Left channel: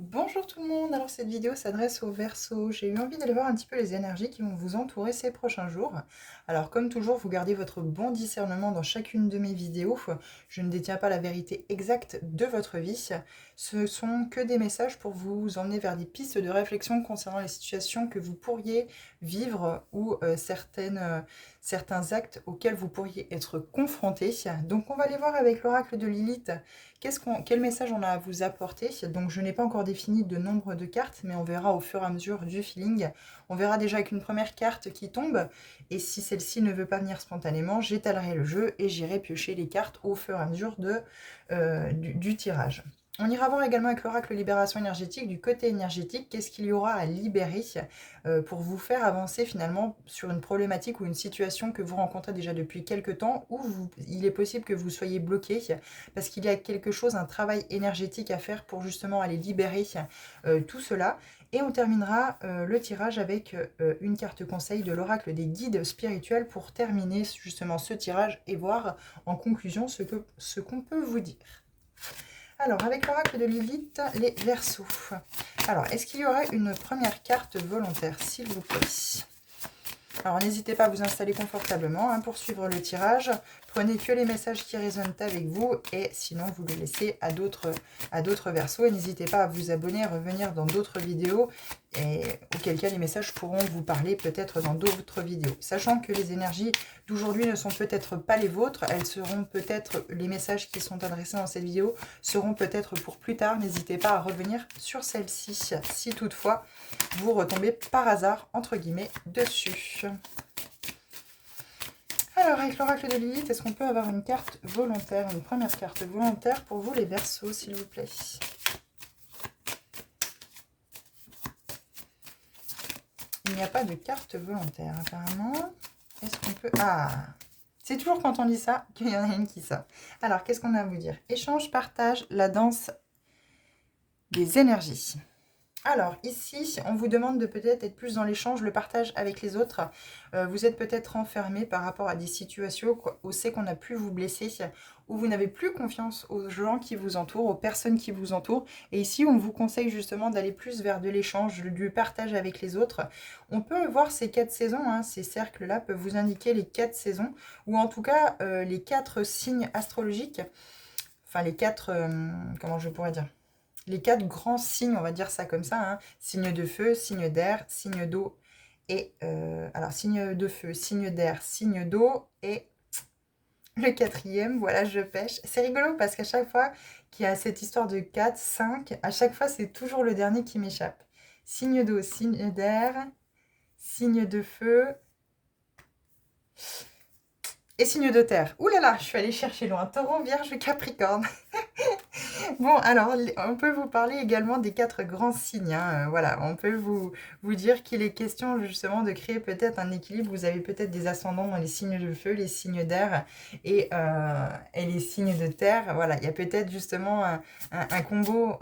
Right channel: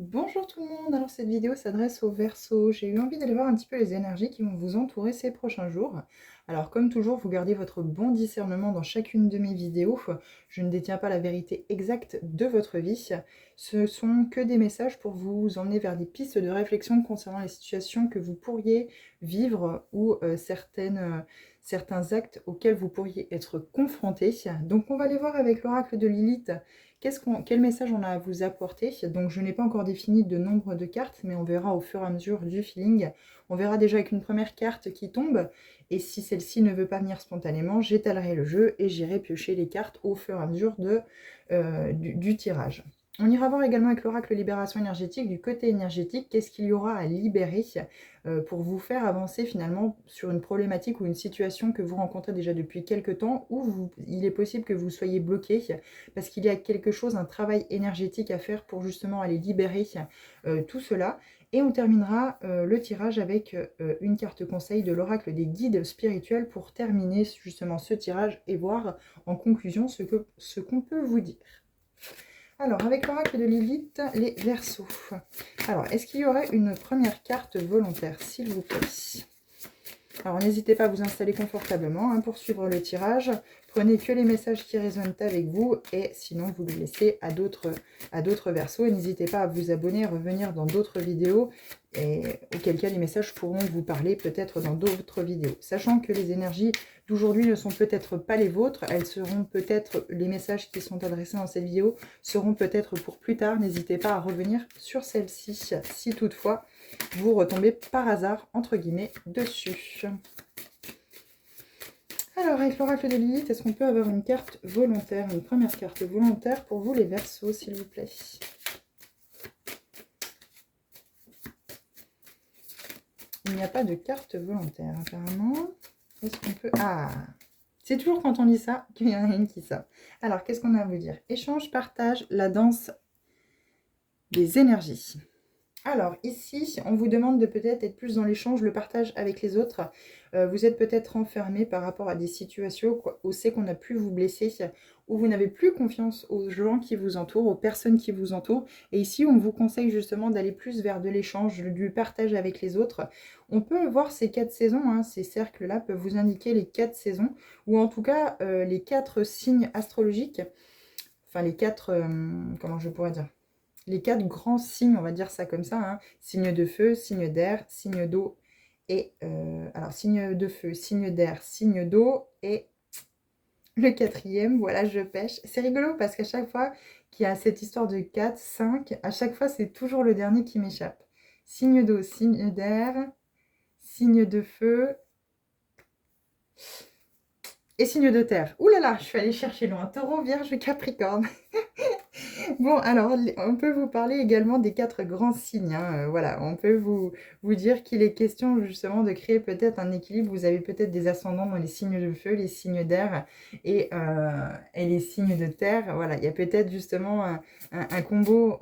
Bonjour tout le monde, alors cette vidéo s'adresse aux Verseaux. J'ai eu envie d'aller voir un petit peu les énergies qui vont vous entourer ces prochains jours. Alors comme toujours, vous gardez votre bon discernement dans chacune de mes vidéos. Je ne détiens pas la vérité exacte de votre vie. Ce sont que des messages pour vous emmener vers des pistes de réflexion concernant les situations que vous pourriez vivre ou certains actes auxquels vous pourriez être confrontés. Donc on va aller voir avec l'oracle de Lilith. Quel message on a à vous apporter? Donc je n'ai pas encore défini de nombre de cartes, mais on verra au fur et à mesure du feeling. On verra déjà avec une première carte qui tombe, et si celle-ci ne veut pas venir spontanément, j'étalerai le jeu et j'irai piocher les cartes au fur et à mesure du tirage. On ira voir également avec l'oracle libération énergétique, du côté énergétique, qu'est-ce qu'il y aura à libérer pour vous faire avancer finalement sur une problématique ou une situation que vous rencontrez déjà depuis quelques temps, où il est possible que vous soyez bloqué parce qu'il y a quelque chose, un travail énergétique à faire pour justement aller libérer tout cela. Et on terminera le tirage avec une carte conseil de l'oracle des guides spirituels pour terminer justement ce tirage et voir en conclusion ce qu'on peut vous dire. Alors, avec l'oracle de Lilith, les Verseaux. Alors, est-ce qu'il y aurait une première carte volontaire, s'il vous plaît? Alors, n'hésitez pas à vous installer confortablement pour suivre le tirage. Prenez que les messages qui résonnent avec vous et sinon, vous le laissez à d'autres Verseaux. Et n'hésitez pas à vous abonner, à revenir dans d'autres vidéos et auquel cas les messages pourront vous parler peut-être dans d'autres vidéos. Sachant que les énergies d'aujourd'hui ne sont peut-être pas les vôtres, elles seront peut-être, les messages qui sont adressés dans cette vidéo seront peut-être pour plus tard. N'hésitez pas à revenir sur celle-ci si toutefois vous retombez par hasard, entre guillemets, dessus. Alors, avec l'oracle de Lilith, est-ce qu'on peut avoir une carte volontaire, une première carte volontaire pour vous les Verseaux, s'il vous plaît? Il n'y a pas de carte volontaire, apparemment. Est-ce qu'on peut... Ah, c'est toujours quand on dit ça qu'il y en a une qui sort. Alors, qu'est-ce qu'on a à vous dire? Échange, partage, la danse des énergies. Alors ici, on vous demande de peut-être être plus dans l'échange, le partage avec les autres. Vous êtes peut-être enfermé par rapport à des situations où c'est qu'on a pu vous blesser, où vous n'avez plus confiance aux gens qui vous entourent, aux personnes qui vous entourent. Et ici, on vous conseille justement d'aller plus vers de l'échange, du partage avec les autres. On peut voir ces 4 saisons, ces cercles-là peuvent vous indiquer les 4 saisons, ou en tout cas les 4 signes astrologiques, enfin les 4, comment je pourrais dire, les 4 grands signes, on va dire ça comme ça, signe de feu, signe d'air, signe d'eau et... alors, signe de feu, signe d'air, signe d'eau et le quatrième, voilà, je pêche. C'est rigolo parce qu'à chaque fois qu'il y a cette histoire de 4, 5, à chaque fois, c'est toujours le dernier qui m'échappe. Signe d'eau, signe d'air, signe de feu et signe de terre. Ouh là là, je suis allée chercher loin. Taureau, Vierge, Capricorne. Bon, alors, on peut vous parler également des 4 grands signes. Voilà, on peut vous dire qu'il est question justement de créer peut-être un équilibre. Vous avez peut-être des ascendants dans les signes de feu, les signes d'air et les signes de terre. Voilà, il y a peut-être justement un combo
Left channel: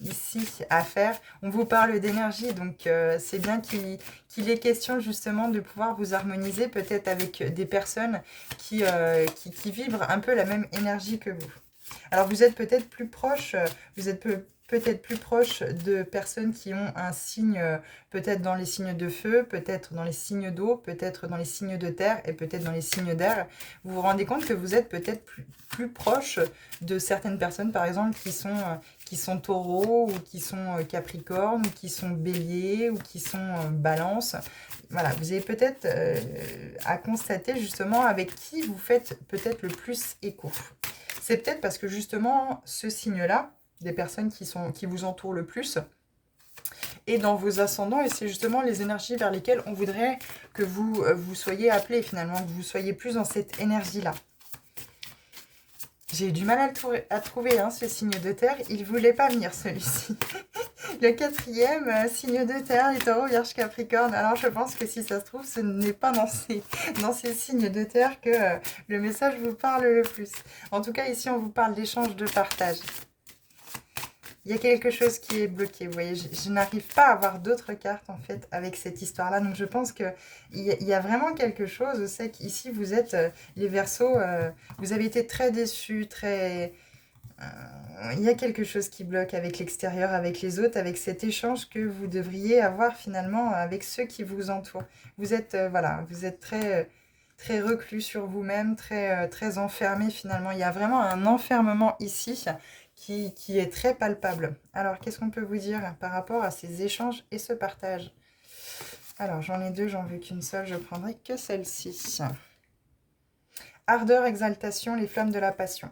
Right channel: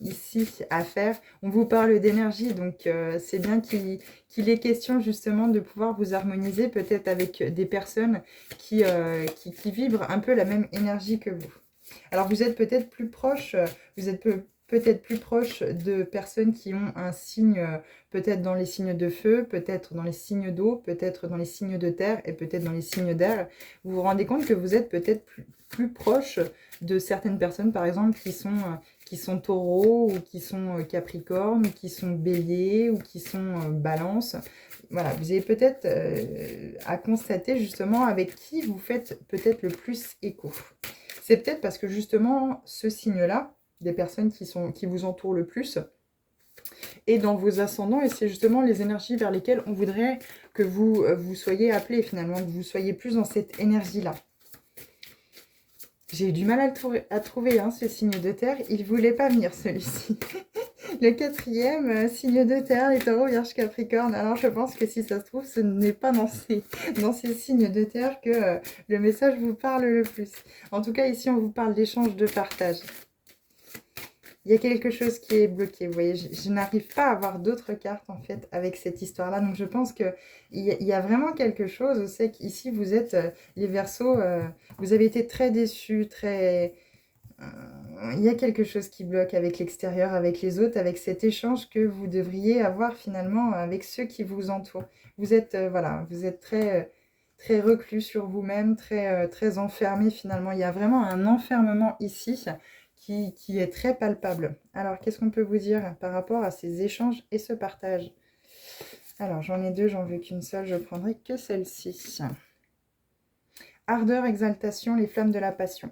ici à faire. On vous parle d'énergie, donc c'est bien qu'il est question justement de pouvoir vous harmoniser peut-être avec des personnes qui vibrent un peu la même énergie que vous. Alors, vous êtes peut-être plus proche, vous êtes peut-être plus proche de personnes qui ont un signe, peut-être dans les signes de feu, peut-être dans les signes d'eau, peut-être dans les signes de terre et peut-être dans les signes d'air. Vous vous rendez compte que vous êtes peut-être plus proche de certaines personnes, par exemple, qui sont taureaux, ou qui sont capricornes, ou qui sont béliers, ou qui sont balance. Voilà, vous avez peut-être à constater justement avec qui vous faites peut-être le plus écho. C'est peut-être parce que justement, ce signe-là, des personnes qui vous entourent le plus, est dans vos ascendants et c'est justement les énergies vers lesquelles on voudrait que vous soyez appelés finalement, que vous soyez plus dans cette énergie-là. J'ai eu du mal à trouver ce signe de terre, il ne voulait pas venir celui-ci. Le quatrième, signe de terre, les taureaux, vierge, capricorne. Alors je pense que si ça se trouve, ce n'est pas dans ces signes de terre que le message vous parle le plus. En tout cas, ici, on vous parle d'échange, de partage. Il y a quelque chose qui est bloqué, vous voyez, je n'arrive pas à avoir d'autres cartes en fait avec cette histoire-là. Donc je pense qu'il y a vraiment quelque chose, c'est qu'ici vous êtes, les Verseaux, vous avez été très déçus, très... il y a quelque chose qui bloque avec l'extérieur, avec les autres, avec cet échange que vous devriez avoir finalement avec ceux qui vous entourent. Vous êtes, voilà, vous êtes très reclus sur vous-même, très enfermé finalement. Il y a vraiment un enfermement ici qui est très palpable. Alors, qu'est-ce qu'on peut vous dire par rapport à ces échanges et ce partage? Alors, j'en ai deux, j'en veux qu'une seule, je prendrai que celle-ci. Ardeur, exaltation, les flammes de la passion.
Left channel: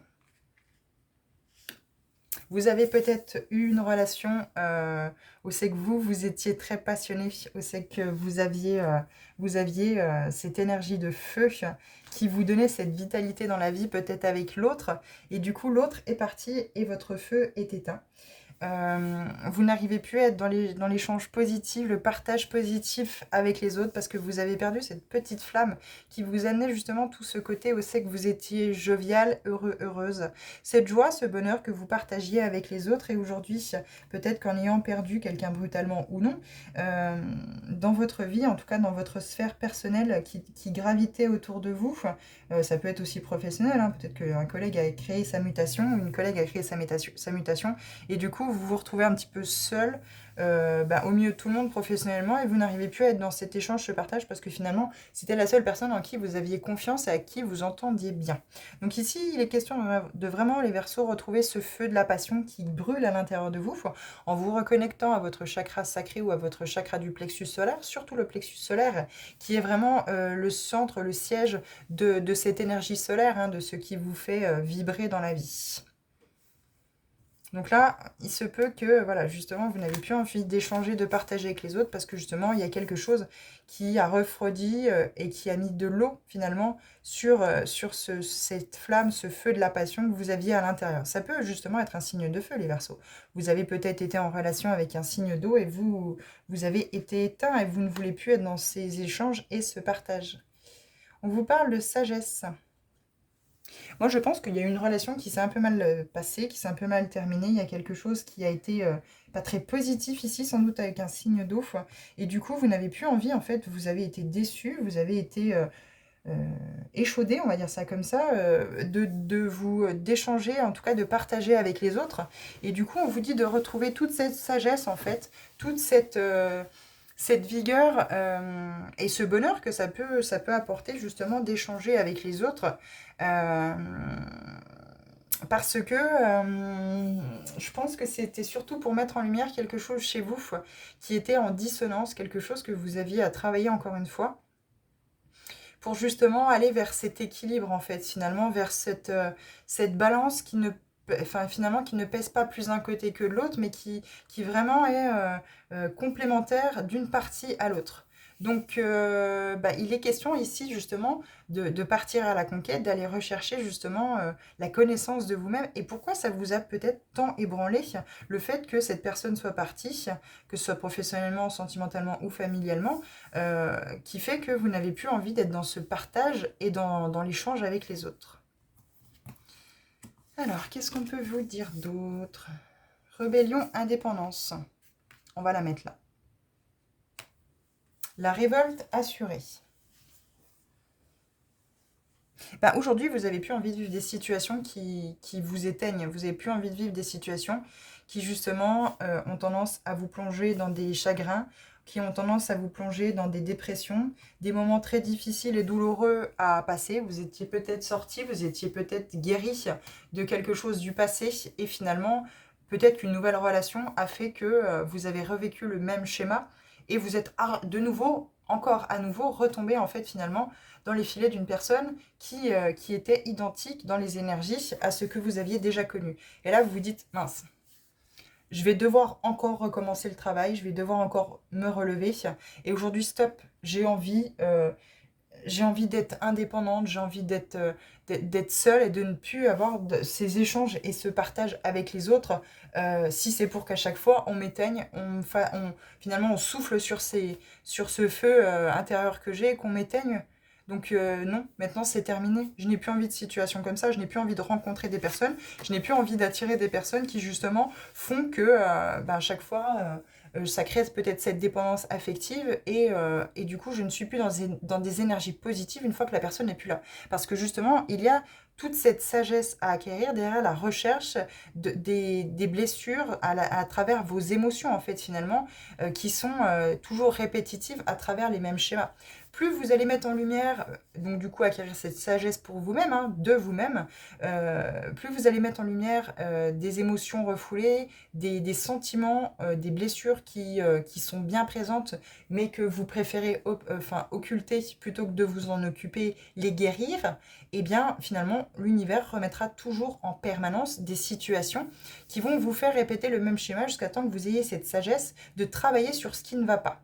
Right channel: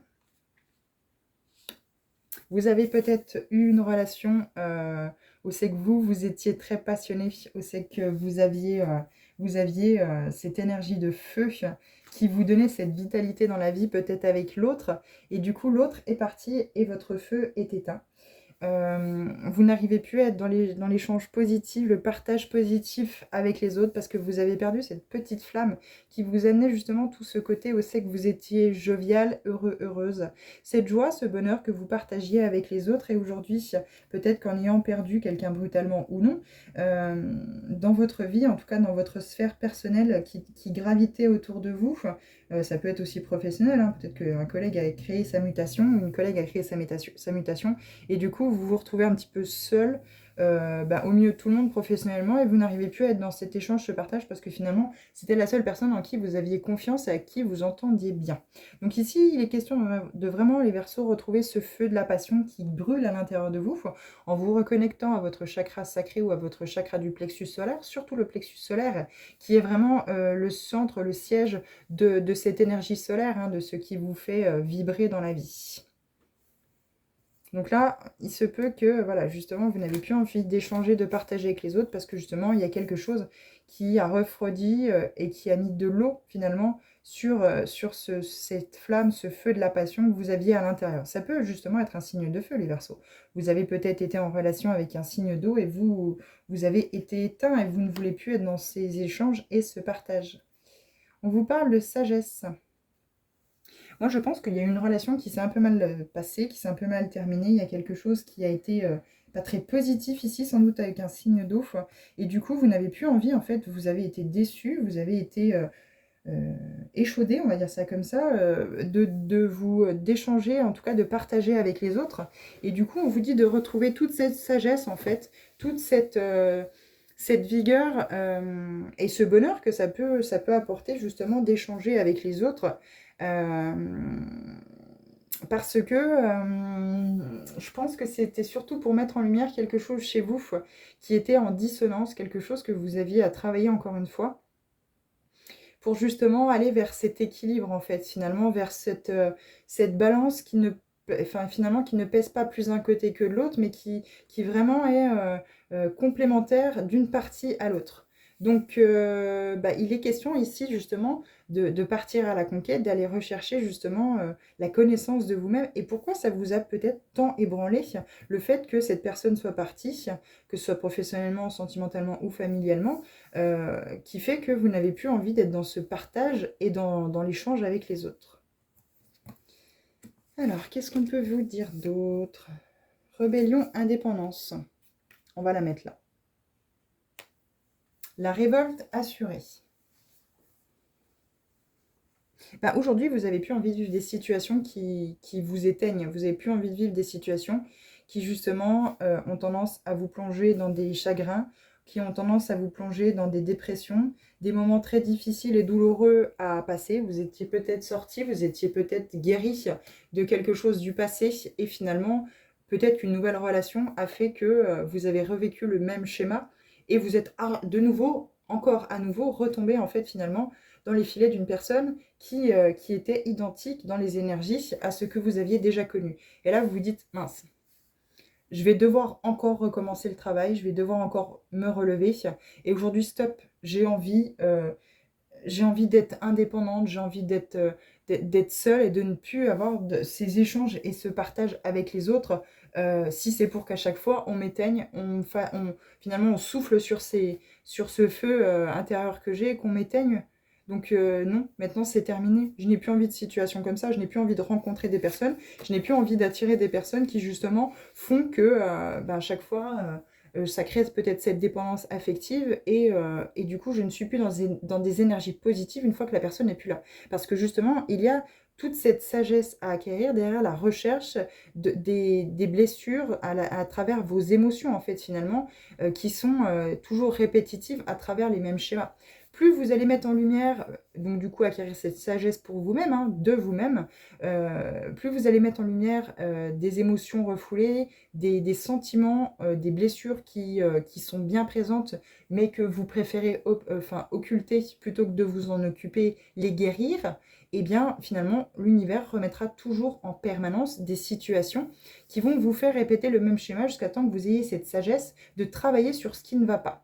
Vous avez peut-être eu une relation où c'est que vous étiez très passionné, où c'est que vous aviez cette énergie de feu qui vous donnait cette vitalité dans la vie, peut-être avec l'autre, et du coup l'autre est parti et votre feu est éteint. Vous n'arrivez plus à être dans l'échange positif, le partage positif avec les autres parce que vous avez perdu cette petite flamme qui vous amenait justement tout ce côté où c'est que vous étiez jovial, heureux, heureuse. Cette joie, ce bonheur que vous partagiez avec les autres et aujourd'hui, peut-être qu'en ayant perdu quelqu'un brutalement ou non, dans votre vie, en tout cas dans votre sphère personnelle qui gravitait autour de vous, ça peut être aussi professionnel, hein, peut-être qu'un collègue a créé sa mutation, une collègue a créé sa mutation, et du coup, vous vous retrouvez un petit peu seul au milieu de tout le monde professionnellement et vous n'arrivez plus à être dans cet échange, ce partage, parce que finalement, c'était la seule personne en qui vous aviez confiance et à qui vous entendiez bien. Donc ici, il est question de vraiment, les Verseaux, retrouver ce feu de la passion qui brûle à l'intérieur de vous en vous reconnectant à votre chakra sacré ou à votre chakra du plexus solaire, surtout le plexus solaire, qui est vraiment le centre, le siège de cette énergie solaire, hein, de ce qui vous fait vibrer dans la vie. Donc là, il se peut que, voilà, justement, vous n'avez plus envie d'échanger, de partager avec les autres parce que justement, il y a quelque chose qui a refroidi et qui a mis de l'eau, finalement, sur cette flamme, ce feu de la passion que vous aviez à l'intérieur. Ça peut justement être un signe de feu, les Verseaux. Vous avez peut-être été en relation avec un signe d'eau et vous avez été éteint et vous ne voulez plus être dans ces échanges et ce partage. On vous parle de sagesse. Moi, je pense qu'il y a une relation qui s'est un peu mal passée, qui s'est un peu mal terminée. Il y a quelque chose qui a été pas très positif ici, sans doute avec un signe d'eau. Et du coup, vous n'avez plus envie, en fait, vous avez été déçu, vous avez été échaudé, on va dire ça comme ça, d'échanger, en tout cas de partager avec les autres. Et du coup, on vous dit de retrouver toute cette sagesse, en fait, toute cette vigueur et ce bonheur que ça peut apporter justement d'échanger avec les autres. Euh, Parce que je pense que c'était surtout pour mettre en lumière quelque chose chez vous qui était en dissonance, quelque chose que vous aviez à travailler encore une fois, pour justement aller vers cet équilibre en fait, finalement, vers cette balance qui ne, enfin, finalement, qui ne pèse pas plus d'un côté que de l'autre, mais qui vraiment est complémentaire d'une partie à l'autre. Donc, il est question ici justement de partir à la conquête, d'aller rechercher justement la connaissance de vous-même. Et pourquoi ça vous a peut-être tant ébranlé le fait que cette personne soit partie, que ce soit professionnellement, sentimentalement ou familialement, qui fait que vous n'avez plus envie d'être dans ce partage et dans l'échange avec les autres. Alors, qu'est-ce qu'on peut vous dire d'autre? Rébellion, indépendance. On va la mettre là. La révolte assurée. Aujourd'hui, vous n'avez plus envie de vivre des situations qui vous éteignent. Vous n'avez plus envie de vivre des situations qui, justement, ont tendance à vous plonger dans des chagrins, qui ont tendance à vous plonger dans des dépressions, des moments très difficiles et douloureux à passer. Vous étiez peut-être sorti, vous étiez peut-être guéri de quelque chose du passé et finalement, peut-être qu'une nouvelle relation a fait que vous avez revécu le même schéma et vous êtes de nouveau, encore à nouveau, retombé en fait finalement dans les filets d'une personne qui était identique dans les énergies à ce que vous aviez déjà connu. Et là, vous vous dites, mince, je vais devoir encore recommencer le travail, je vais devoir encore me relever. Et aujourd'hui, stop, j'ai envie d'être indépendante, j'ai envie d'être seule et de ne plus avoir ces échanges et ce partage avec les autres. Si c'est pour qu'à chaque fois, on m'éteigne, finalement, on souffle sur ce feu intérieur que j'ai et qu'on m'éteigne. Donc non, maintenant c'est terminé. Je n'ai plus envie de situation comme ça, je n'ai plus envie de rencontrer des personnes, je n'ai plus envie d'attirer des personnes qui justement font que à chaque fois ça crée peut-être cette dépendance affective et du coup je ne suis plus dans des énergies positives une fois que la personne n'est plus là. Parce que justement il y a toute cette sagesse à acquérir derrière la recherche des blessures à travers vos émotions, en fait, finalement, qui sont toujours répétitives à travers les mêmes schémas. Plus vous allez mettre en lumière, donc du coup acquérir cette sagesse pour vous-même, hein, de vous-même, plus vous allez mettre en lumière des émotions refoulées, des sentiments, des blessures qui sont bien présentes, mais que vous préférez occulter plutôt que de vous en occuper, les guérir, et bien finalement l'univers remettra toujours en permanence des situations qui vont vous faire répéter le même schéma jusqu'à temps que vous ayez cette sagesse de travailler sur ce qui ne va pas.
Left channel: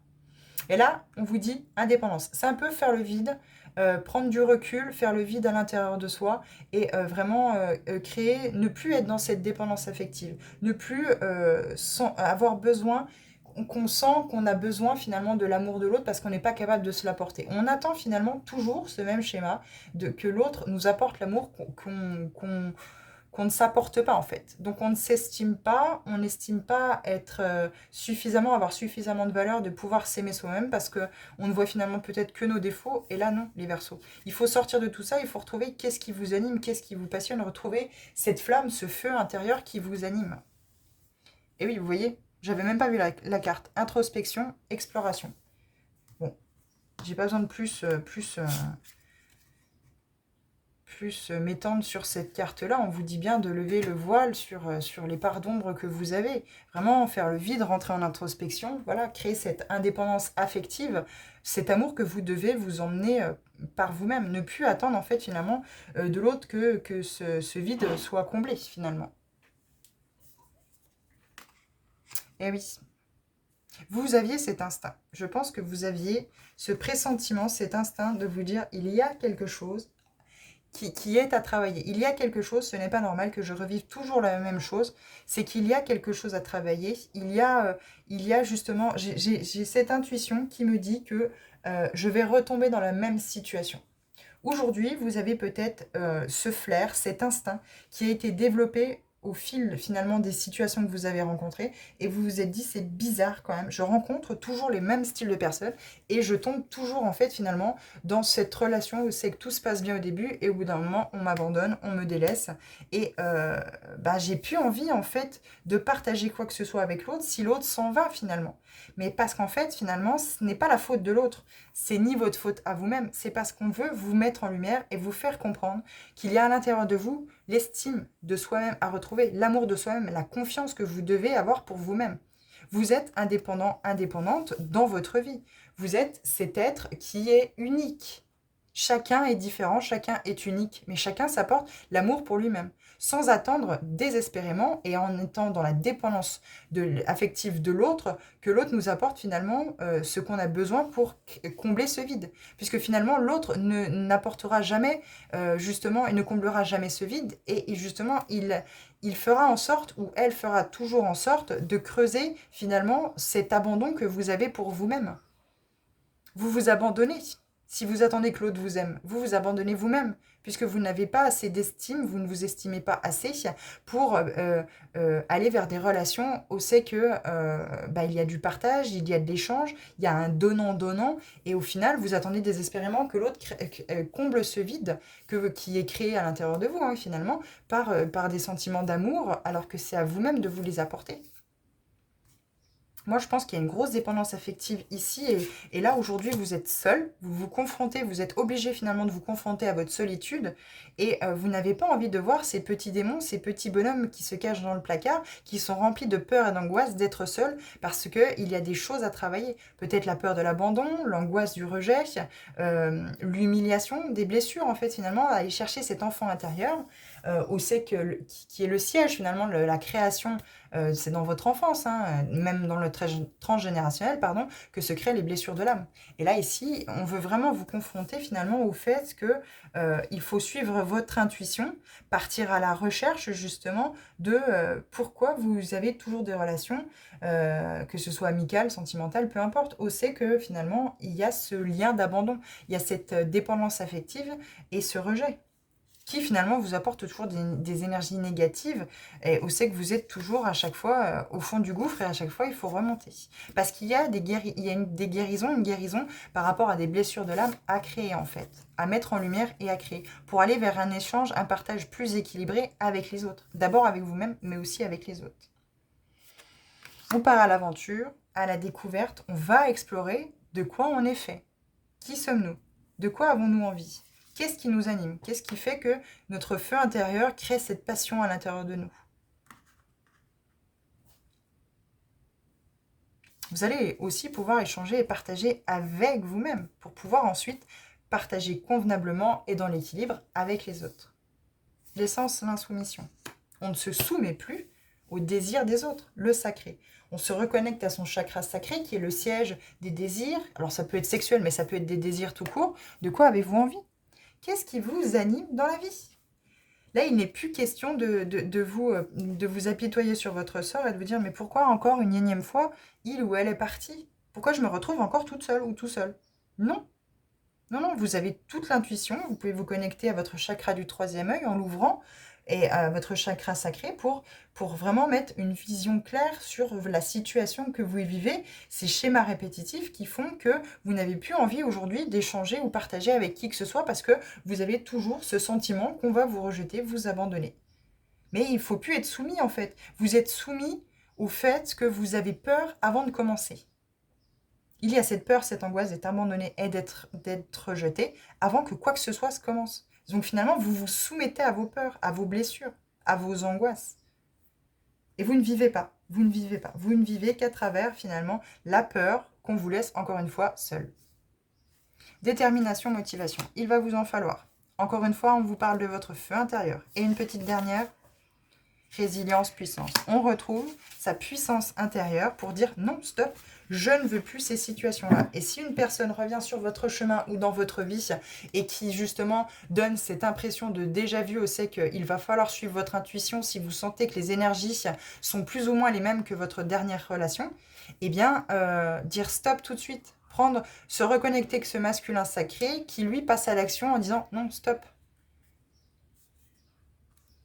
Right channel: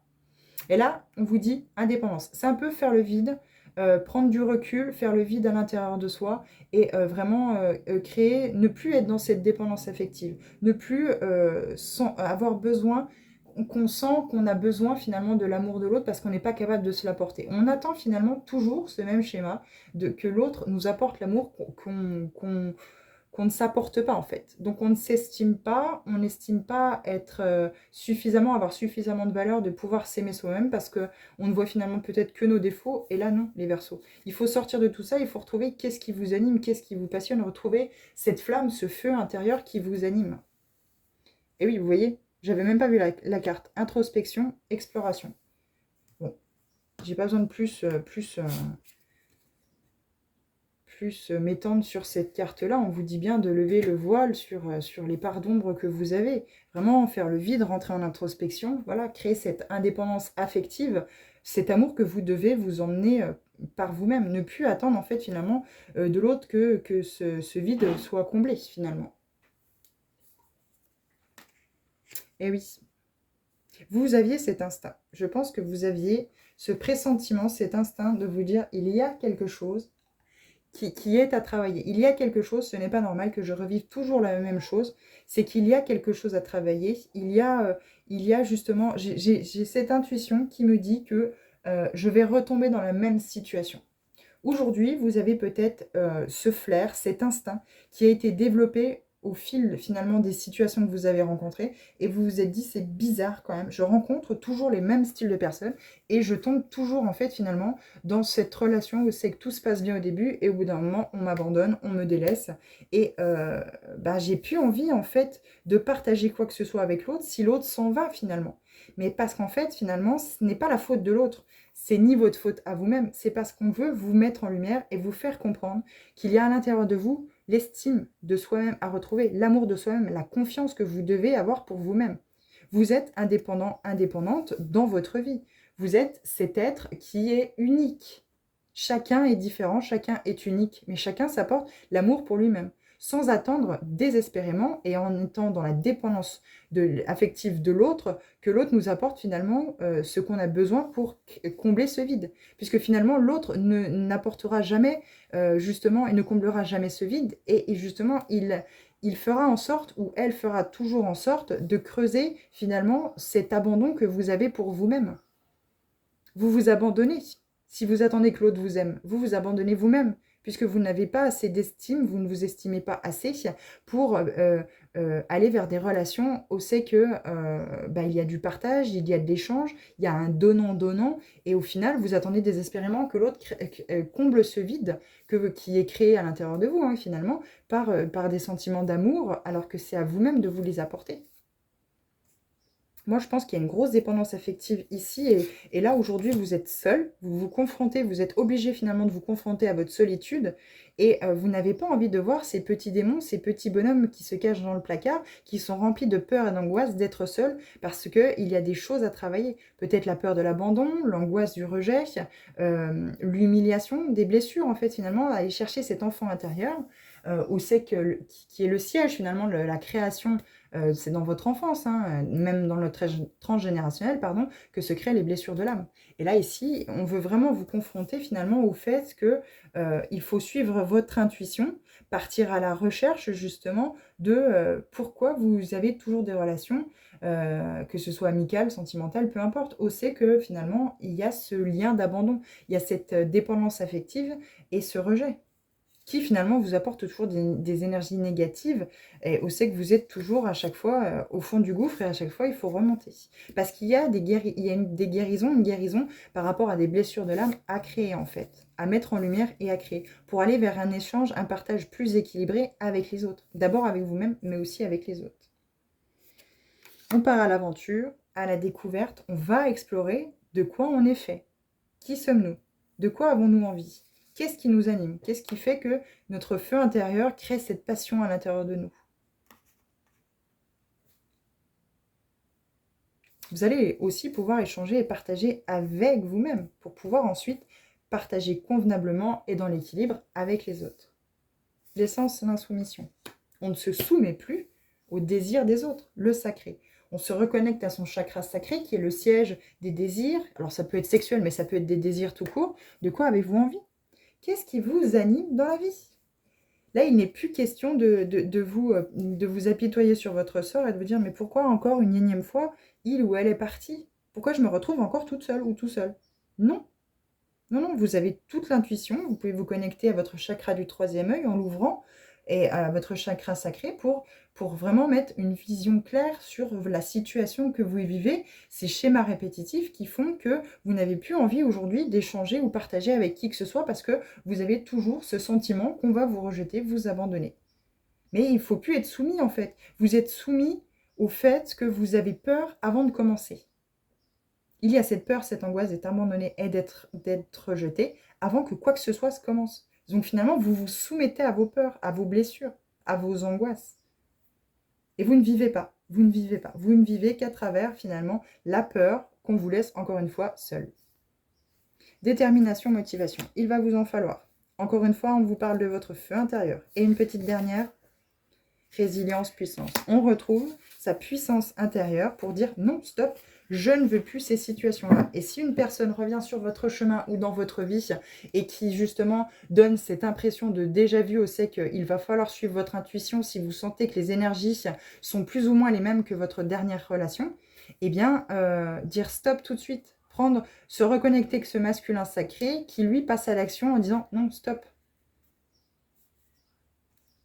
Et là, on vous dit indépendance. C'est un peu faire le vide, prendre du recul, faire le vide à l'intérieur de soi et vraiment créer, ne plus être dans cette dépendance affective, ne plus avoir besoin, qu'on sent qu'on a besoin finalement de l'amour de l'autre parce qu'on n'est pas capable de se l'apporter. On attend finalement toujours ce même schéma que l'autre nous apporte l'amour qu'on ne s'apporte pas en fait. Donc on ne s'estime pas, on n'estime pas être avoir suffisamment de valeur de pouvoir s'aimer soi-même parce que on ne voit finalement peut-être que nos défauts. Et là non, les Verseaux. Il faut sortir de tout ça, il faut retrouver qu'est-ce qui vous anime, qu'est-ce qui vous passionne, retrouver cette flamme, ce feu intérieur qui vous anime. Et oui, vous voyez, j'avais même pas vu la carte. Introspection, exploration. Bon, j'ai pas besoin de plus m'étendre sur cette carte-là, on vous dit bien de lever le voile sur les parts d'ombre que vous avez. Vraiment faire le vide, rentrer en introspection, voilà, créer cette indépendance affective, cet amour que vous devez vous emmener par vous-même. Ne plus attendre en fait finalement de l'autre que ce vide soit comblé finalement. Eh oui, vous aviez cet instinct. Je pense que vous aviez ce pressentiment, cet instinct de vous dire il y a quelque chose qui est à travailler. Il y a quelque chose, ce n'est pas normal que je revive toujours la même chose, c'est qu'il y a quelque chose à travailler. Il y a justement, j'ai cette intuition qui me dit que je vais retomber dans la même situation. Aujourd'hui, vous avez peut-être ce flair, cet instinct qui a été développé au fil finalement des situations que vous avez rencontrées et vous vous êtes dit c'est bizarre quand même, je rencontre toujours les mêmes styles de personnes et je tombe toujours en fait finalement dans cette relation où c'est que tout se passe bien au début et au bout d'un moment on m'abandonne, on me délaisse et j'ai plus envie en fait de partager quoi que ce soit avec l'autre si l'autre s'en va finalement. Mais parce qu'en fait finalement ce n'est pas la faute de l'autre, c'est ni votre faute à vous-même, c'est parce qu'on veut vous mettre en lumière et vous faire comprendre qu'il y a à l'intérieur de vous l'estime de soi-même à retrouver, l'amour de soi-même, la confiance que vous devez avoir pour vous-même. Vous êtes indépendant, indépendante dans votre vie. Vous êtes cet être qui est unique. Chacun est différent, chacun est unique, mais chacun s'apporte l'amour pour lui-même, sans attendre désespérément et en étant dans la dépendance affective de l'autre, que l'autre nous apporte finalement ce qu'on a besoin pour combler ce vide. Puisque finalement, l'autre n'apportera jamais justement et ne comblera jamais ce vide. Et justement, il fera en sorte, ou elle fera toujours en sorte, de creuser finalement cet abandon que vous avez pour vous-même. Vous vous abandonnez. Si vous attendez que l'autre vous aime, vous vous abandonnez vous-même, puisque vous n'avez pas assez d'estime, vous ne vous estimez pas assez pour aller vers des relations où c'est que il y a du partage, il y a de l'échange, il y a un donnant-donnant, et au final, vous attendez désespérément que l'autre comble ce vide qui est créé à l'intérieur de vous, hein, finalement, par des sentiments d'amour, alors que c'est à vous-même de vous les apporter. Moi, je pense qu'il y a une grosse dépendance affective ici. Et là, aujourd'hui, vous êtes seul. Vous vous confrontez, vous êtes obligé finalement de vous confronter à votre solitude. Et vous n'avez pas envie de voir ces petits démons, ces petits bonhommes qui se cachent dans le placard, qui sont remplis de peur et d'angoisse d'être seuls parce qu'il y a des choses à travailler. Peut-être la peur de l'abandon, l'angoisse du rejet, l'humiliation, des blessures, en fait, finalement, aller chercher cet enfant intérieur. Où c'est qui est le siège finalement de la création, c'est dans votre enfance, hein, même dans le transgénérationnel, pardon, que se créent les blessures de l'âme. Et là, ici, on veut vraiment vous confronter finalement au fait que il faut suivre votre intuition, partir à la recherche justement de pourquoi vous avez toujours des relations, que ce soit amicales, sentimentales, peu importe, où c'est que finalement, il y a ce lien d'abandon, il y a cette dépendance affective et ce rejet. qui finalement vous apporte toujours des énergies négatives, et on sait que vous êtes toujours à chaque fois au fond du gouffre, et à chaque fois il faut remonter. Parce qu'il y a des guérisons, une guérison par rapport à des blessures de l'âme à créer en fait, à mettre en lumière et à créer, pour aller vers un échange, un partage plus équilibré avec les autres. D'abord avec vous-même, mais aussi avec les autres. On part à l'aventure, à la découverte, on va explorer de quoi on est fait. Qui sommes-nous? De quoi avons-nous envie? Qu'est-ce qui nous anime? Qu'est-ce qui fait que notre feu intérieur crée cette passion à l'intérieur de nous? Vous allez aussi pouvoir échanger et partager avec vous-même pour pouvoir ensuite partager convenablement et dans l'équilibre avec les autres. L'essence, l'insoumission. On ne se soumet plus au désir des autres, le sacré. On se reconnecte à son chakra sacré qui est le siège des désirs. Alors ça peut être sexuel, mais ça peut être des désirs tout court. De quoi avez-vous envie? Qu'est-ce qui vous anime dans la vie? Là, il n'est plus question de vous apitoyer sur votre sort et de vous dire « Mais pourquoi encore une énième fois, il ou elle est parti? Pourquoi je me retrouve encore toute seule ou tout seul ?» Non, non, non, vous avez toute l'intuition. Vous pouvez vous connecter à votre chakra du troisième œil en l'ouvrant et à votre chakra sacré pour vraiment mettre une vision claire sur la situation que vous vivez, ces schémas répétitifs qui font que vous n'avez plus envie aujourd'hui d'échanger ou partager avec qui que ce soit parce que vous avez toujours ce sentiment qu'on va vous rejeter, vous abandonner. Mais il ne faut plus être soumis en fait. Vous êtes soumis au fait que vous avez peur avant de commencer. Il y a cette peur, cette angoisse d'être abandonné et d'être rejeté avant que quoi que ce soit se commence. Donc finalement, vous vous soumettez à vos peurs, à vos blessures, à vos angoisses. Et vous ne vivez pas, vous ne vivez pas. Vous ne vivez qu'à travers finalement la peur qu'on vous laisse encore une fois seul. Détermination, motivation, il va vous en falloir. Encore une fois, on vous parle de votre feu intérieur. Et une petite dernière, résilience, puissance. On retrouve sa puissance intérieure pour dire non, stop, je ne veux plus ces situations-là. Et si une personne revient sur votre chemin ou dans votre vie et qui justement donne cette impression de déjà vu, on sait qu'il va falloir suivre votre intuition si vous sentez que les énergies sont plus ou moins les mêmes que votre dernière relation, eh bien, dire stop tout de suite. Se reconnecter avec ce masculin sacré qui lui passe à l'action en disant non, stop.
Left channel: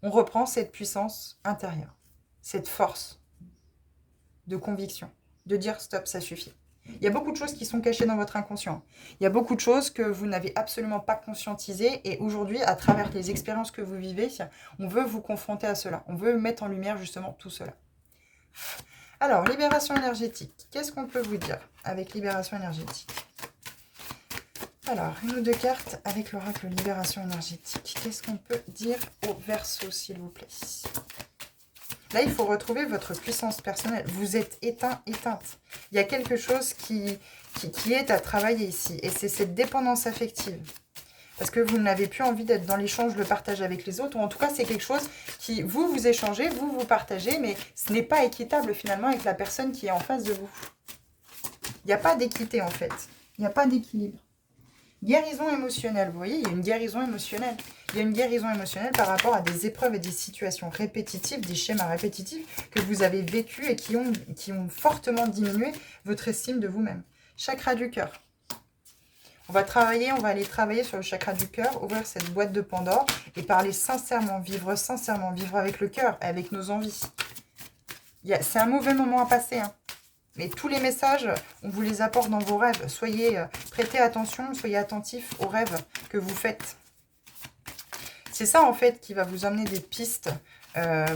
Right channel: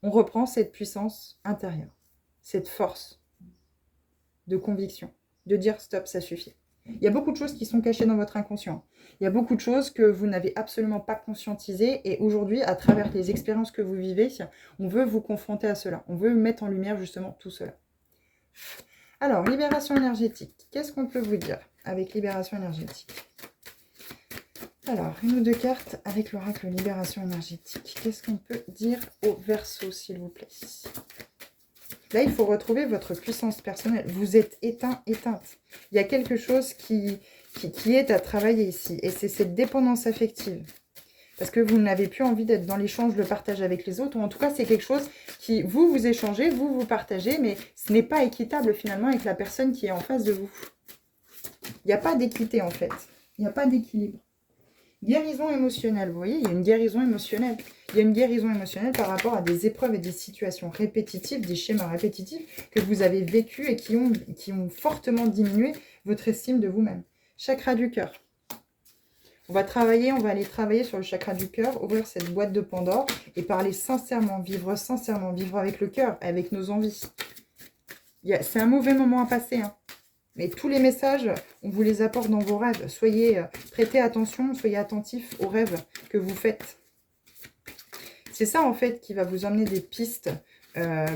On reprend cette puissance intérieure, cette force de conviction, de dire stop, ça suffit. Il y a beaucoup de choses qui sont cachées dans votre inconscient. Il y a beaucoup de choses que vous n'avez absolument pas conscientisées et aujourd'hui, à travers les expériences que vous vivez, on veut vous confronter à cela. On veut mettre en lumière justement tout cela. Alors, libération énergétique. Qu'est-ce qu'on peut vous dire avec libération énergétique? Alors, une ou deux cartes avec l'oracle libération énergétique. Qu'est-ce qu'on peut dire au Verseau, s'il vous plaît? Là, il faut retrouver votre puissance personnelle. Vous êtes éteint, éteinte. Il y a quelque chose qui est à travailler ici. Et c'est cette dépendance affective. Parce que vous n'avez plus envie d'être dans l'échange, le partage avec les autres. Ou en tout cas, c'est quelque chose qui, vous échangez, vous partagez. Mais ce n'est pas équitable finalement avec la personne qui est en face de vous. Il n'y a pas d'équité en fait. Il n'y a pas d'équilibre. Guérison émotionnelle, vous voyez, il y a une guérison émotionnelle. Il y a une guérison émotionnelle par rapport à des épreuves et des situations répétitives, des schémas répétitifs que vous avez vécus et qui ont fortement diminué votre estime de vous-même. Chakra du cœur. On va aller travailler sur le chakra du cœur, ouvrir cette boîte de Pandore et parler sincèrement, vivre avec le cœur, avec nos envies. C'est un mauvais moment à passer, hein. Mais tous les messages, on vous les apporte dans vos rêves. Prêtez attention, soyez attentifs aux rêves que vous faites. C'est ça, en fait, qui va vous emmener des pistes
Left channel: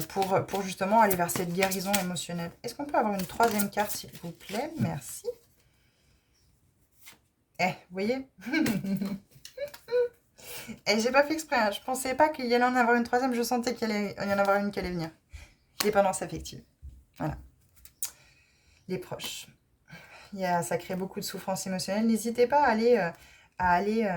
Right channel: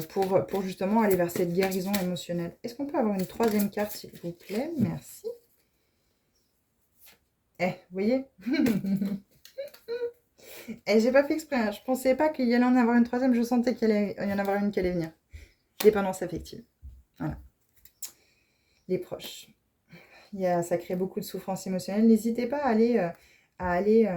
pour justement aller vers cette guérison émotionnelle. Est-ce qu'on peut avoir une troisième carte, s'il vous plaît? Merci. Vous voyez. J'ai pas fait exprès. Hein. Je pensais pas qu'il y allait en avoir une troisième. Je sentais qu'il allait y en avoir une qui allait venir. Dépendance affective. Voilà. Les proches. Ça crée beaucoup de souffrance émotionnelle. N'hésitez pas à aller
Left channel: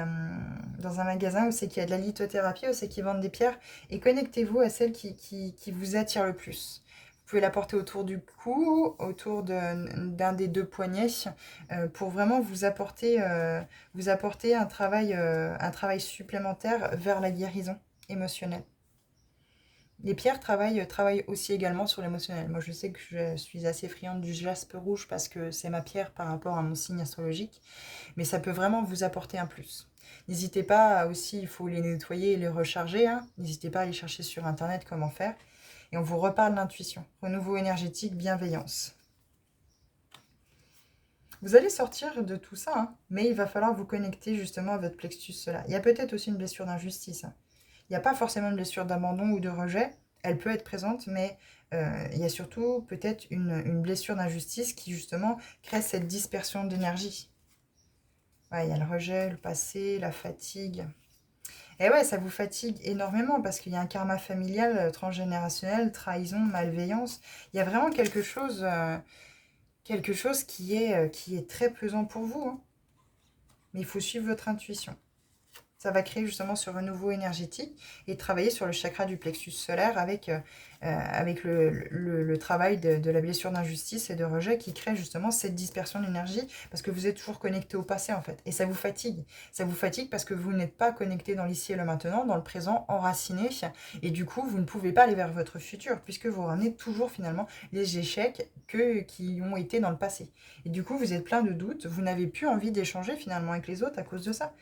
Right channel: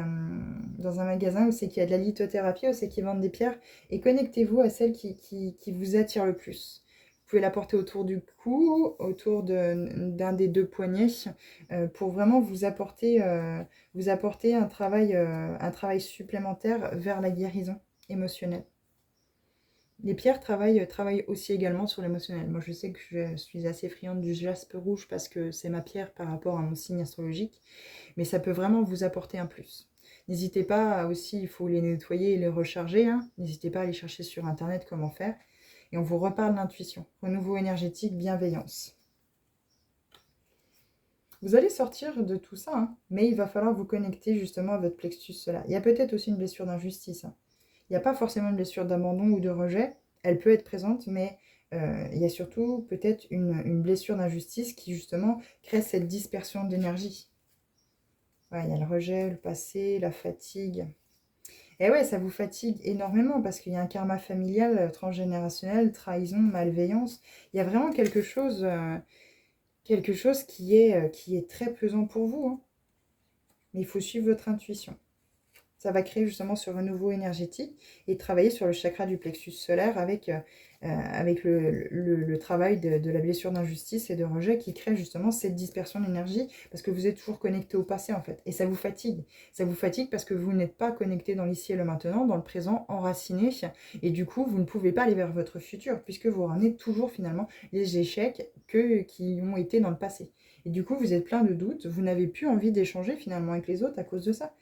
dans un magasin où c'est qu'il y a de la lithothérapie, où c'est qu'ils vendent des pierres, et connectez-vous à celle qui vous attire le plus. Vous pouvez la porter autour du cou, autour d'un des deux poignets, pour vraiment vous apporter un travail supplémentaire vers la guérison émotionnelle. Les pierres travaillent aussi également sur l'émotionnel. Moi, je sais que je suis assez friande du jaspe rouge parce que c'est ma pierre par rapport à mon signe astrologique. Mais ça peut vraiment vous apporter un plus. N'hésitez pas aussi, il faut les nettoyer et les recharger, hein. N'hésitez pas à aller chercher sur Internet comment faire. Et on vous reparle d'intuition, renouveau énergétique, bienveillance. Vous allez sortir de tout ça, hein, mais il va falloir vous connecter justement à votre plexus solaire. Il y a peut-être aussi une blessure d'injustice, hein. Il n'y a pas forcément une blessure d'abandon ou de rejet. Elle peut être présente, mais il y a surtout peut-être une blessure d'injustice qui justement crée cette dispersion d'énergie. Ouais, il y a le rejet, le passé, la fatigue. Et ouais, ça vous fatigue énormément parce qu'il y a un karma familial transgénérationnel, trahison, malveillance. Il y a vraiment quelque chose qui est très pesant pour vous, hein. Mais il faut suivre votre intuition. Ça va créer justement ce renouveau énergétique et travailler sur le chakra du plexus solaire avec le travail de la blessure d'injustice et de rejet qui crée justement cette dispersion d'énergie parce que vous êtes toujours connecté au passé en fait. Et ça vous fatigue. Ça vous fatigue parce que vous n'êtes pas connecté dans l'ici et le maintenant, dans le présent, enraciné. Et du coup, vous ne pouvez pas aller vers votre futur puisque vous ramenez toujours finalement les échecs qui ont été dans le passé. Et du coup, vous êtes plein de doutes. Vous n'avez plus envie d'échanger finalement avec les autres à cause de ça.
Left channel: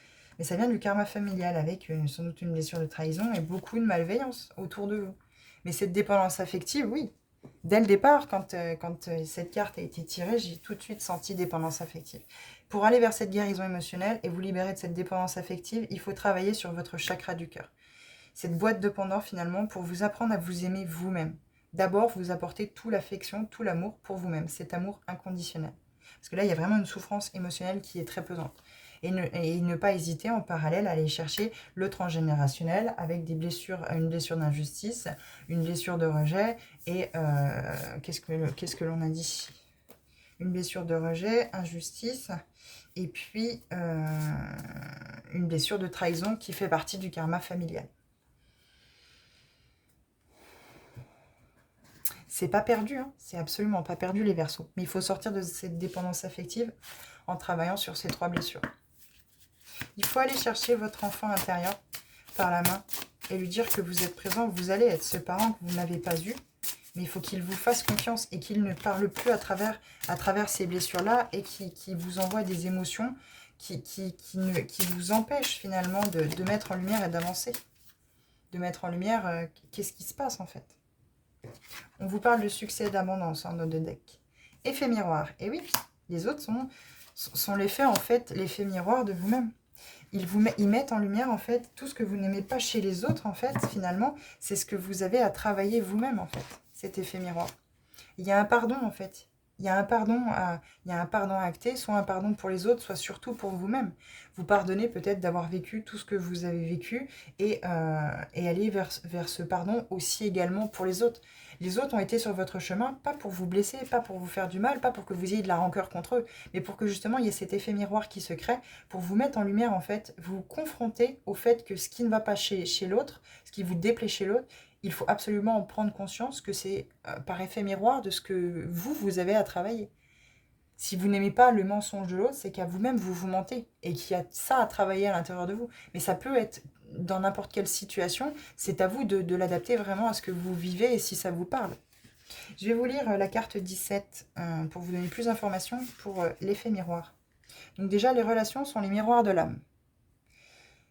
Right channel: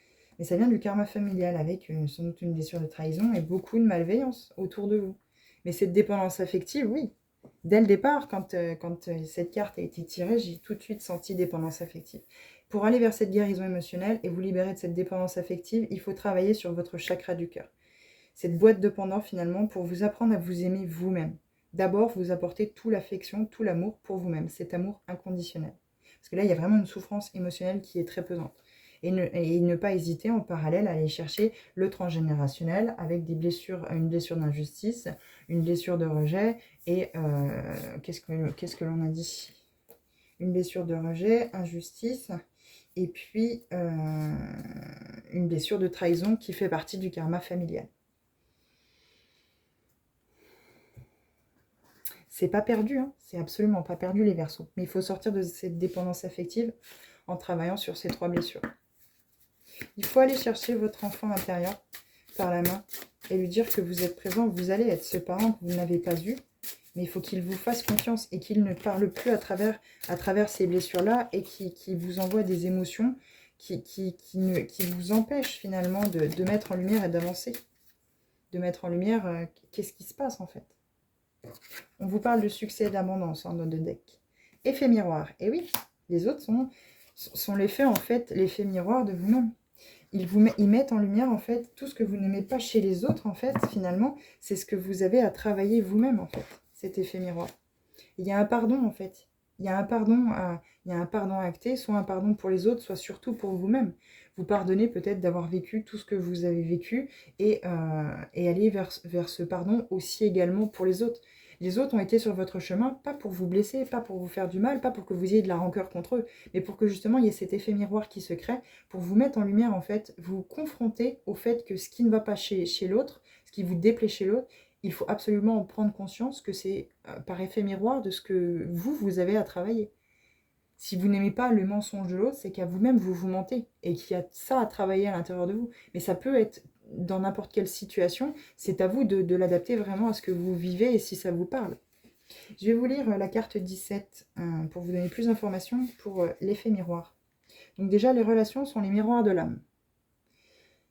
Mais ça vient du karma familial avec sans doute une blessure de trahison et beaucoup de malveillance autour de vous. Mais cette dépendance affective, oui. Dès le départ, quand cette carte a été tirée, j'ai tout de suite senti dépendance affective. Pour aller vers cette guérison émotionnelle et vous libérer de cette dépendance affective, il faut travailler sur votre chakra du cœur. Cette boîte de Pandore, finalement, pour vous apprendre à vous aimer vous-même. D'abord, vous apporter toute l'affection, tout l'amour pour vous-même, cet amour inconditionnel. Parce que là, il y a vraiment une souffrance émotionnelle qui est très pesante. Et ne pas hésiter en parallèle à aller chercher le transgénérationnel avec des blessures, une blessure d'injustice, une blessure de rejet et qu'est-ce que l'on a dit? Une blessure de rejet, injustice et puis une blessure de trahison qui fait partie du karma familial. C'est pas perdu, hein, c'est absolument pas perdu les Verseaux. Mais il faut sortir de cette dépendance affective en travaillant sur ces 3 blessures. Il faut aller chercher votre enfant intérieur par la main et lui dire que vous êtes présent, vous allez être ce parent que vous n'avez pas eu, mais il faut qu'il vous fasse confiance et qu'il ne parle plus à travers ces blessures-là et qui vous envoie des émotions qui vous empêchent finalement de mettre en lumière et d'avancer. De mettre en lumière qu'est-ce qui se passe en fait. On vous parle de succès et d'abondance dans notre deck. Effet miroir. Et oui, les autres sont l'effet en fait, l'effet miroir de vous-même. Ils mettent en lumière, en fait, tout ce que vous n'aimez pas chez les autres, en fait, finalement, c'est ce que vous avez à travailler vous-même, en fait, cet effet miroir. Il y a un pardon, en fait. Il y a un pardon à acter, soit un pardon pour les autres, soit surtout pour vous-même. Vous pardonnez peut-être d'avoir vécu tout ce que vous avez vécu et aller vers ce pardon aussi également pour les autres. Les autres ont été sur votre chemin, pas pour vous blesser, pas pour vous faire du mal, pas pour que vous ayez de la rancœur contre eux, mais pour que justement il y ait cet effet miroir qui se crée, pour vous mettre en lumière en fait, vous confronter au fait que ce qui ne va pas chez l'autre, ce qui vous déplaît chez l'autre, il faut absolument en prendre conscience que c'est par effet miroir de ce que vous avez à travailler. Si vous n'aimez pas le mensonge de l'autre, c'est qu'à vous-même, vous mentez et qu'il y a ça à travailler à l'intérieur de vous. Mais ça peut être dans n'importe quelle situation, c'est à vous de l'adapter vraiment à ce que vous vivez et si ça vous parle. Je vais vous lire la carte 17 pour vous donner plus d'informations pour l'effet miroir. Donc déjà, les relations sont les miroirs de l'âme.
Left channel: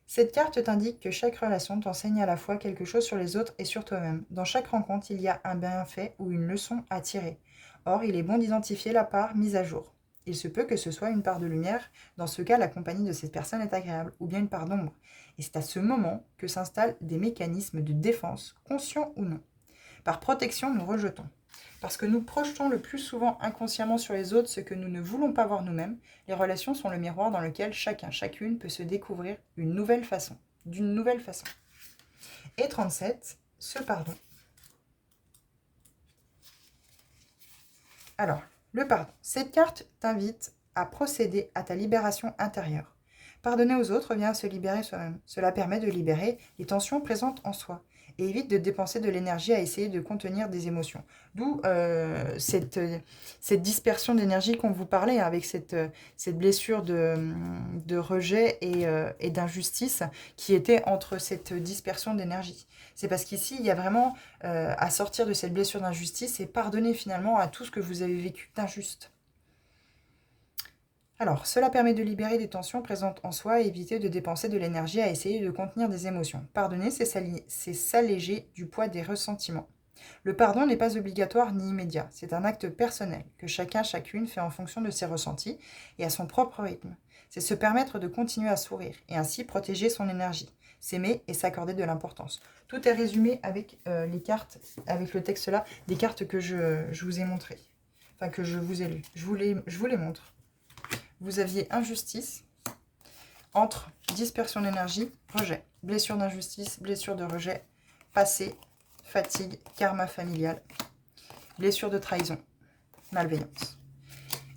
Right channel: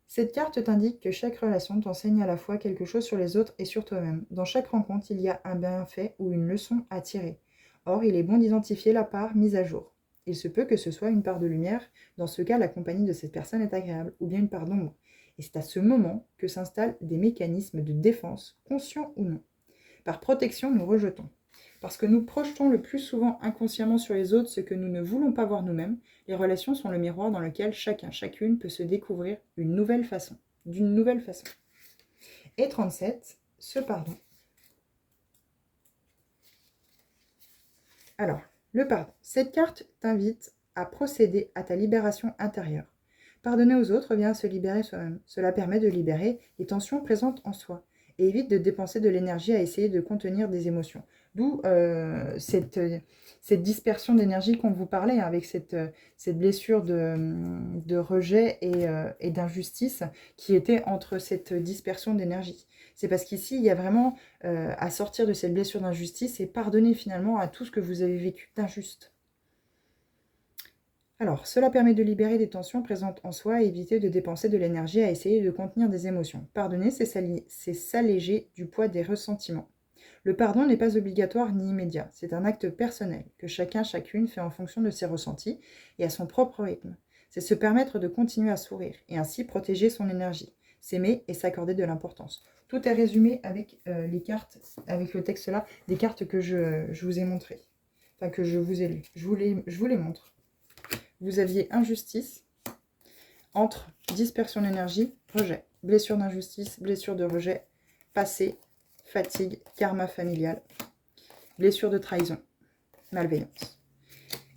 Cette carte t'indique que chaque relation t'enseigne à la fois quelque chose sur les autres et sur toi-même. Dans chaque rencontre, il y a un bienfait ou une leçon à tirer. Or, il est bon d'identifier la part mise à jour. Il se peut que ce soit une part de lumière, dans ce cas, la compagnie de cette personne est agréable, ou bien une part d'ombre. Et c'est à ce moment que s'installent des mécanismes de défense, conscients ou non. Par protection, nous rejetons. Parce que nous projetons le plus souvent inconsciemment sur les autres ce que nous ne voulons pas voir nous-mêmes, les relations sont le miroir dans lequel chacun, chacune peut se découvrir d'une nouvelle façon. Et 37, ce pardon. Alors, le pardon. Cette carte t'invite à procéder à ta libération intérieure. Pardonner aux autres vient se libérer soi-même. Cela permet de libérer les tensions présentes en soi et évite de dépenser de l'énergie à essayer de contenir des émotions. D'où cette dispersion d'énergie qu'on vous parlait, avec cette blessure de rejet et d'injustice qui était entre cette dispersion d'énergie. C'est parce qu'ici, il y a vraiment à sortir de cette blessure d'injustice et pardonner finalement à tout ce que vous avez vécu d'injuste. Alors, cela permet de libérer des tensions présentes en soi et éviter de dépenser de l'énergie à essayer de contenir des émotions. Pardonner, c'est s'alléger du poids des ressentiments. Le pardon n'est pas obligatoire ni immédiat, c'est un acte personnel que chacun, chacune fait en fonction de ses ressentis et à son propre rythme. C'est se permettre de continuer à sourire et ainsi protéger son énergie, s'aimer et s'accorder de l'importance. Tout est résumé avec les cartes, avec le texte là, des cartes que je vous ai montrées, enfin que je vous ai lues. Je vous les montre. Vous aviez injustice, entre dispersion d'énergie, rejet, blessure d'injustice, blessure de rejet, passé, fatigue, karma familial, blessure de trahison, malveillance.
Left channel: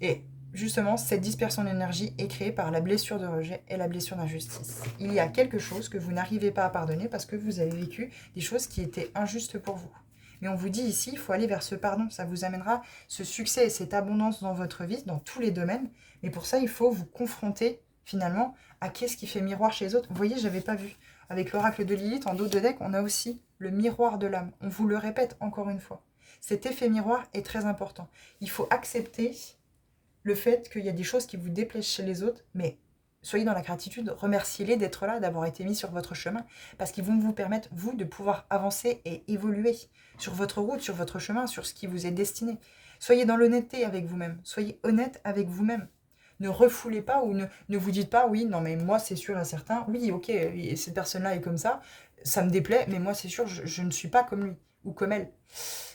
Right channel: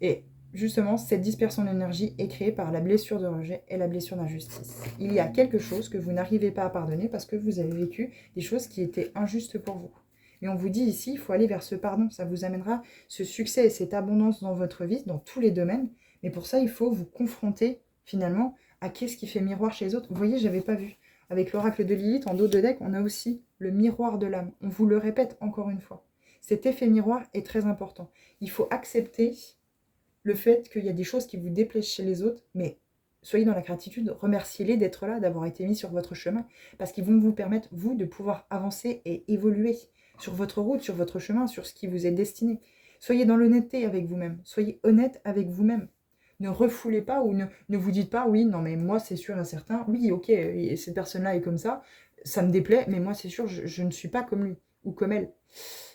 Et justement, cette dispersion d'énergie est créée par la blessure de rejet et la blessure d'injustice. Il y a quelque chose que vous n'arrivez pas à pardonner parce que vous avez vécu des choses qui étaient injustes pour vous. Mais on vous dit ici, il faut aller vers ce pardon. Ça vous amènera ce succès et cette abondance dans votre vie, dans tous les domaines. Mais pour ça, il faut vous confronter finalement à qu'est-ce qui fait miroir chez les autres. Vous voyez, je n'avais pas vu. Avec l'oracle de Lilith, en dos de deck, on a aussi le miroir de l'âme. On vous le répète encore une fois. Cet effet miroir est très important. Il faut accepter le fait qu'il y a des choses qui vous déplaisent chez les autres, mais soyez dans la gratitude, remerciez-les d'être là, d'avoir été mis sur votre chemin, parce qu'ils vont vous permettre, vous, de pouvoir avancer et évoluer sur votre route, sur votre chemin, sur ce qui vous est destiné. Soyez dans l'honnêteté avec vous-même, soyez honnête avec vous-même. Ne refoulez pas ou ne vous dites pas, oui, non mais moi c'est sûr et certain, oui, ok, et cette personne-là est comme ça me déplaît, mais moi c'est sûr, je ne suis pas comme lui ou comme elle.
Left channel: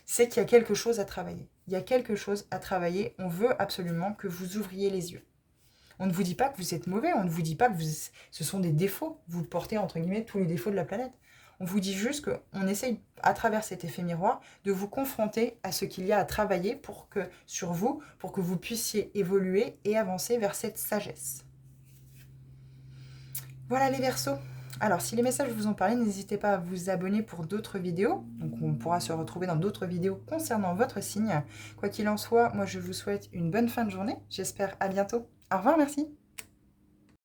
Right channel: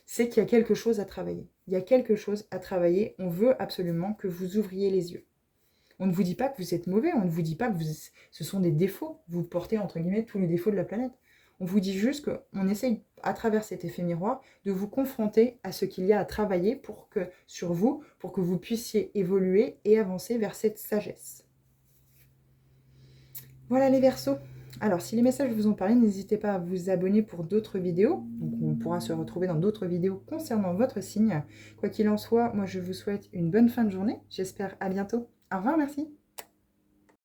C'est qu'il y a quelque chose à travailler. Il y a quelque chose à travailler. On veut absolument que vous ouvriez les yeux. On ne vous dit pas que vous êtes mauvais, on ne vous dit pas que ce sont des défauts. Vous portez, entre guillemets, tous les défauts de la planète. On vous dit juste qu'on essaye, à travers cet effet miroir, de vous confronter à ce qu'il y a à travailler sur vous, pour que vous puissiez évoluer et avancer vers cette sagesse. Voilà les Verseaux. Alors, si les messages vous ont parlé, n'hésitez pas à vous abonner pour d'autres vidéos. Donc, on pourra se retrouver dans d'autres vidéos concernant votre signe. Quoi qu'il en soit, moi, je vous souhaite une bonne fin de journée. J'espère à bientôt. Au revoir, merci.